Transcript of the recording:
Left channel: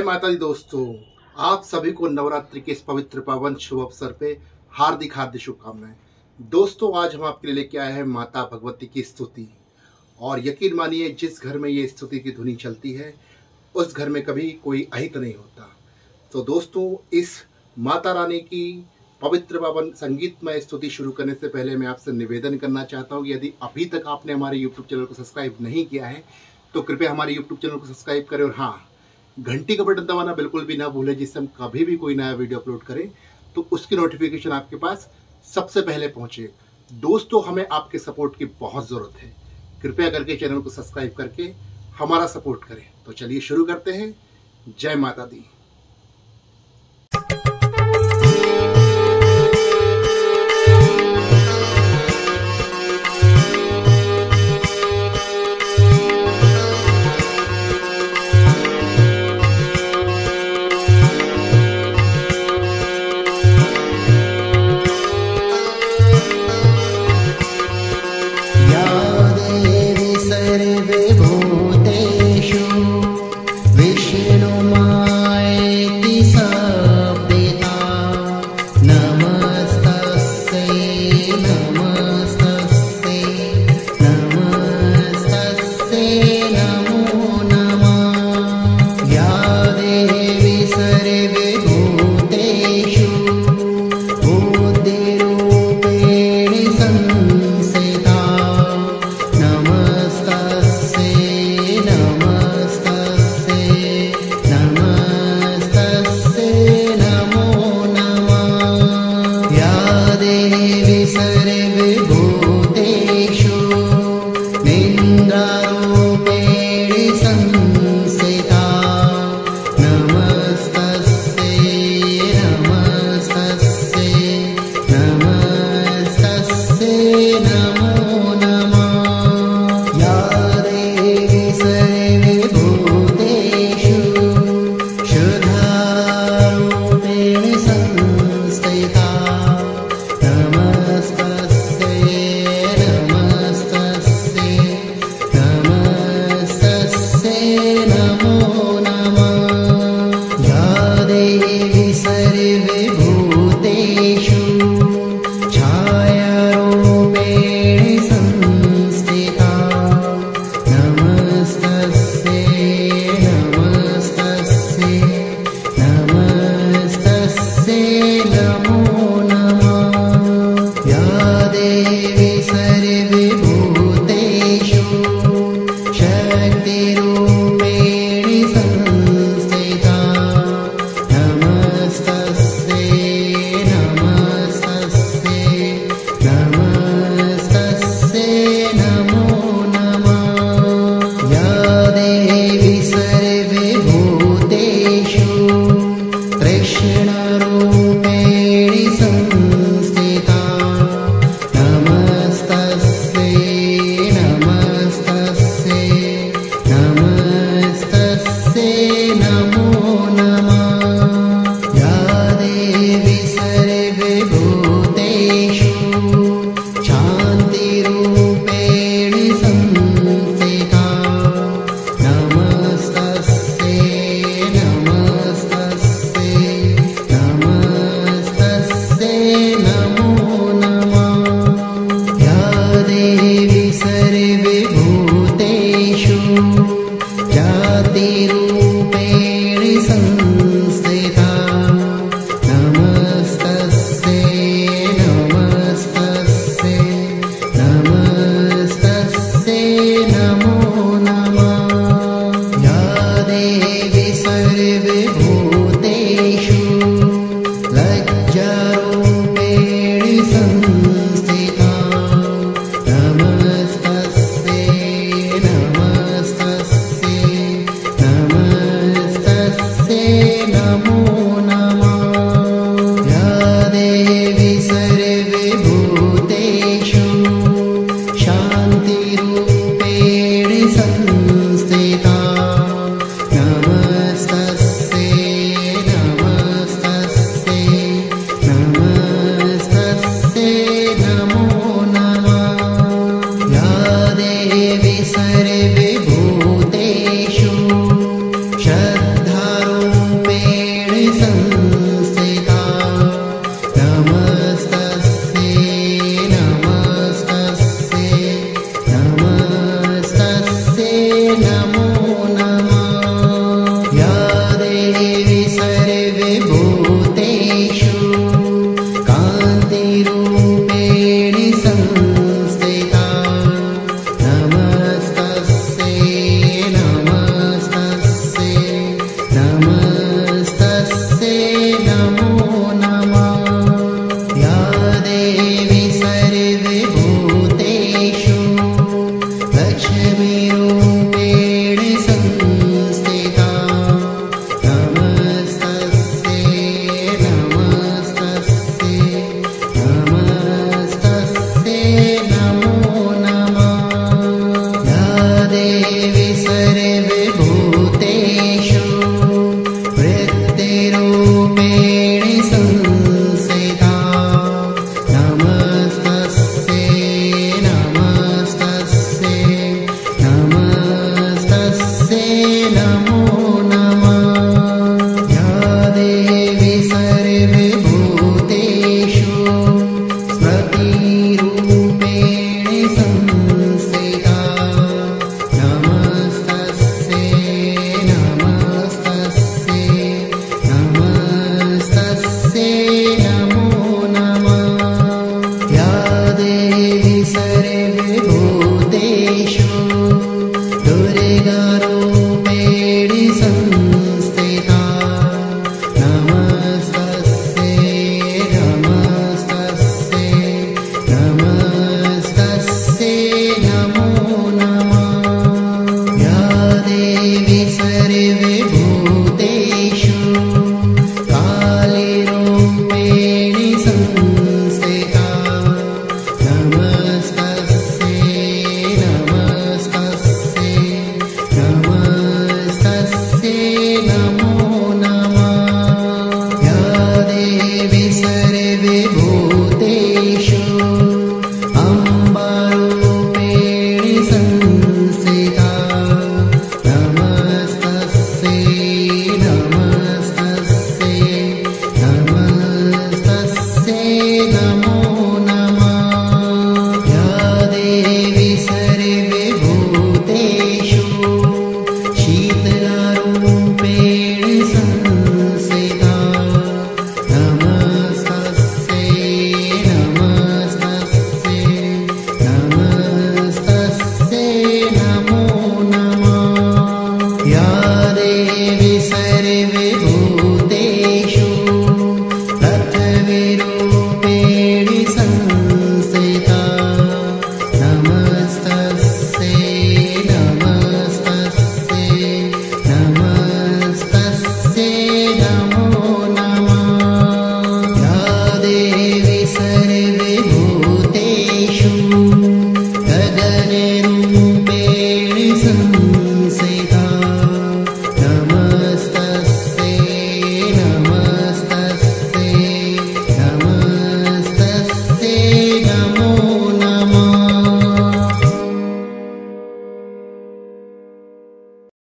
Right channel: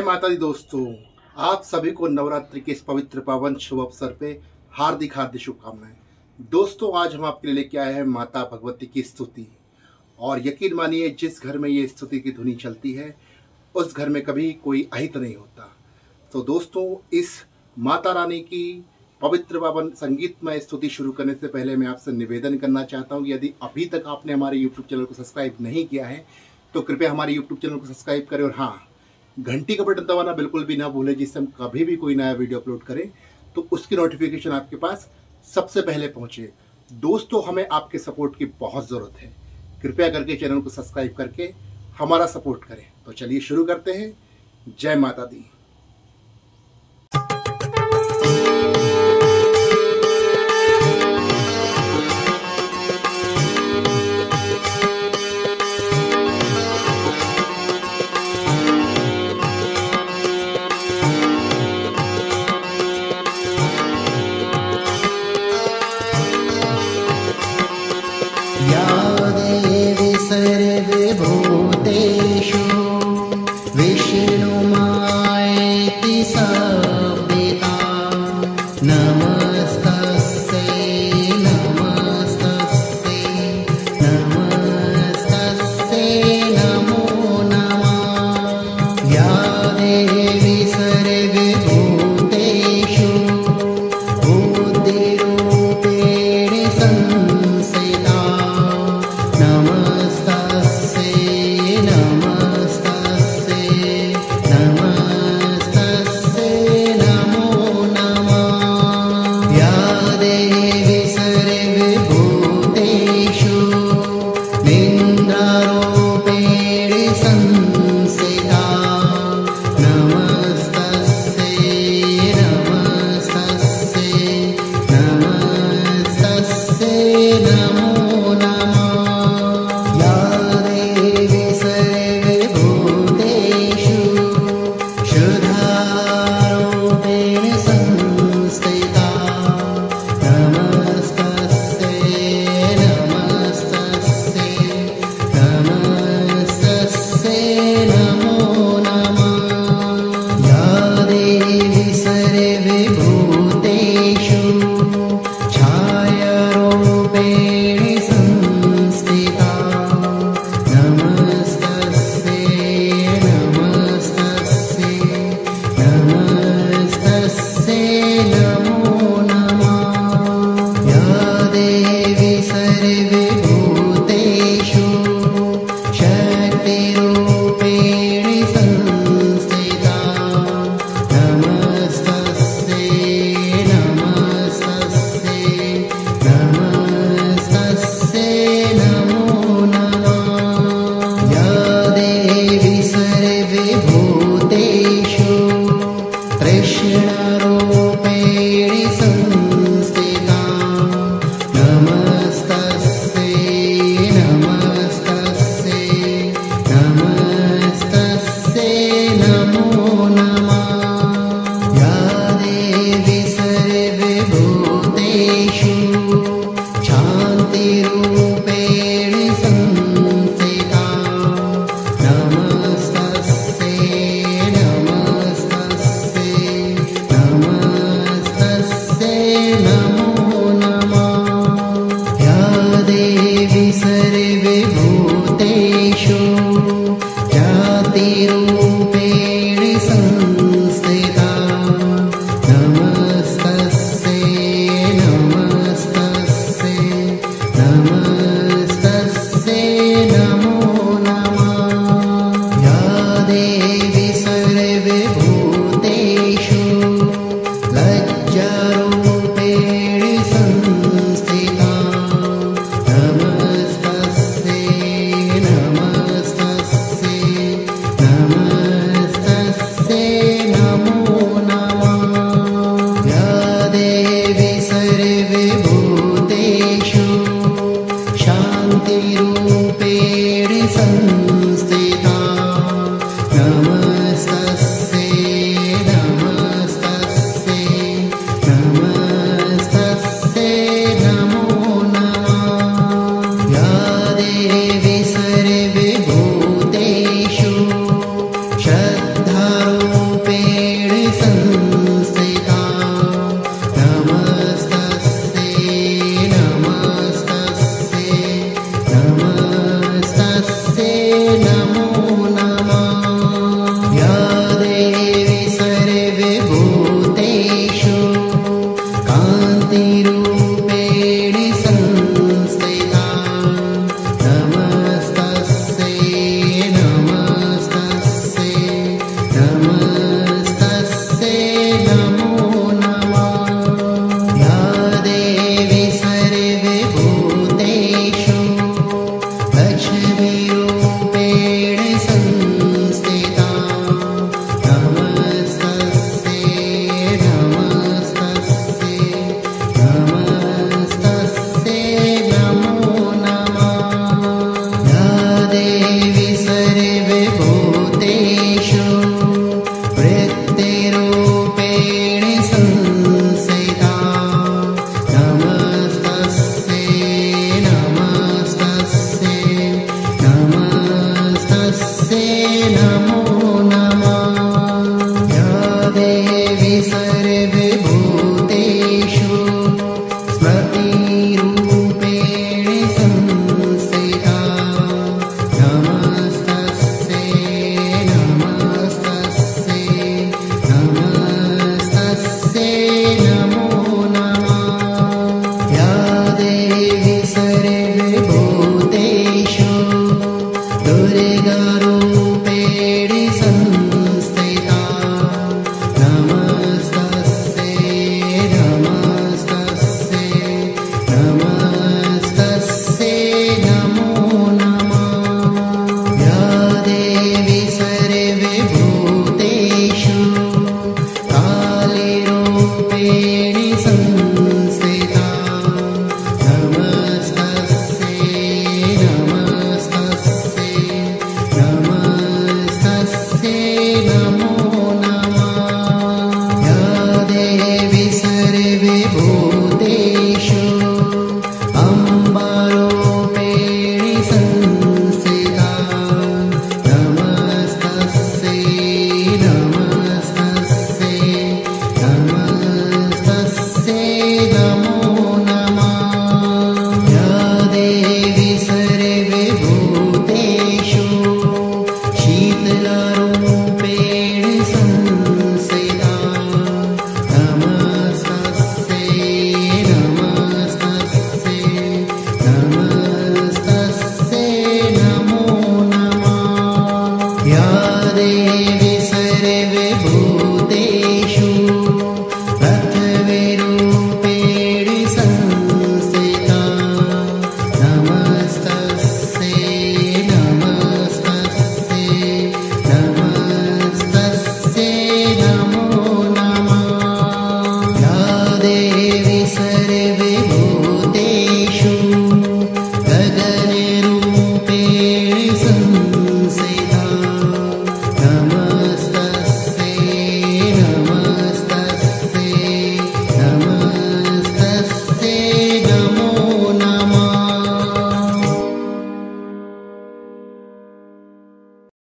जय माता दी दोस्तों, आप सभी को नवरात्रि के इस पवित्र पावन शुभ अवसर पे हार्दिक हार्दिक शुभकामनाएं। दोस्तों, आज हम आपके लिए लेके आए हैं माता भगवती की स्तुति। और यकीन मानिए, जिस घर में ये स्तुति की धुनी चलती है उस घर में कभी कोई अहित नहीं होता। तो दोस्तों, इस माता रानी की पवित्र पावन संगीतमय स्तुति शुरू करने से पहले मैं आपसे निवेदन करना चाहता हूँ कि यदि अभी तक आपने हमारे यूट्यूब चैनल को सब्सक्राइब नहीं किया है तो कृपया हमारे यूट्यूब चैनल को सब्सक्राइब करें और हाँ, घंटी का बटन दबाना बिल्कुल भी ना भूलें, जिससे हम कभी भी कोई नया वीडियो अपलोड करें तो उसकी नोटिफिकेशन आपके पास सबसे पहले पहुंचे। दोस्तों, हमें आपके सपोर्ट की बहुत ज़रूरत है। कृपया करके चैनल को सब्सक्राइब करके हमारा सपोर्ट करें। तो चलिए शुरू करते हैं। जय माता दी। सर्वभूतेषु विष्णुमायेति संविता नमस्तस्यै नमस्तस्यै नमस्तस्यै नमो नमः। या देवी सर्वभूतेषु बुद्धिरूपेण संस्थिता नमस्तस्यै नमो नमः। या देवी सर्वभूतेषु निन्द्रारूपेण संस्थिता नमस्तस्यै नमो नमः। या देवी सर्वभूतेषु शुद्धारूपेण संस्थिता नमस्तस्यै नमो नमः। या देवी सर्वभूतेषु छायारूपेण संस्थिता नमस्तस्यै नमो नमः। या देवी सर्वभूतेषु शक्तिरूपेण संस्थिता नमस्तस्यै नमो नमः। या देवी सर्वभूतेषु कृष्णरूपेण संस्थिता नमस्तस्यै नमो नमः। या देवी सर्वभूतेषु शान्तिरूपेण संस्थिता नमस्तस्यै नमो नमः। या देवी सर्वभूतेषु जातिरूपेण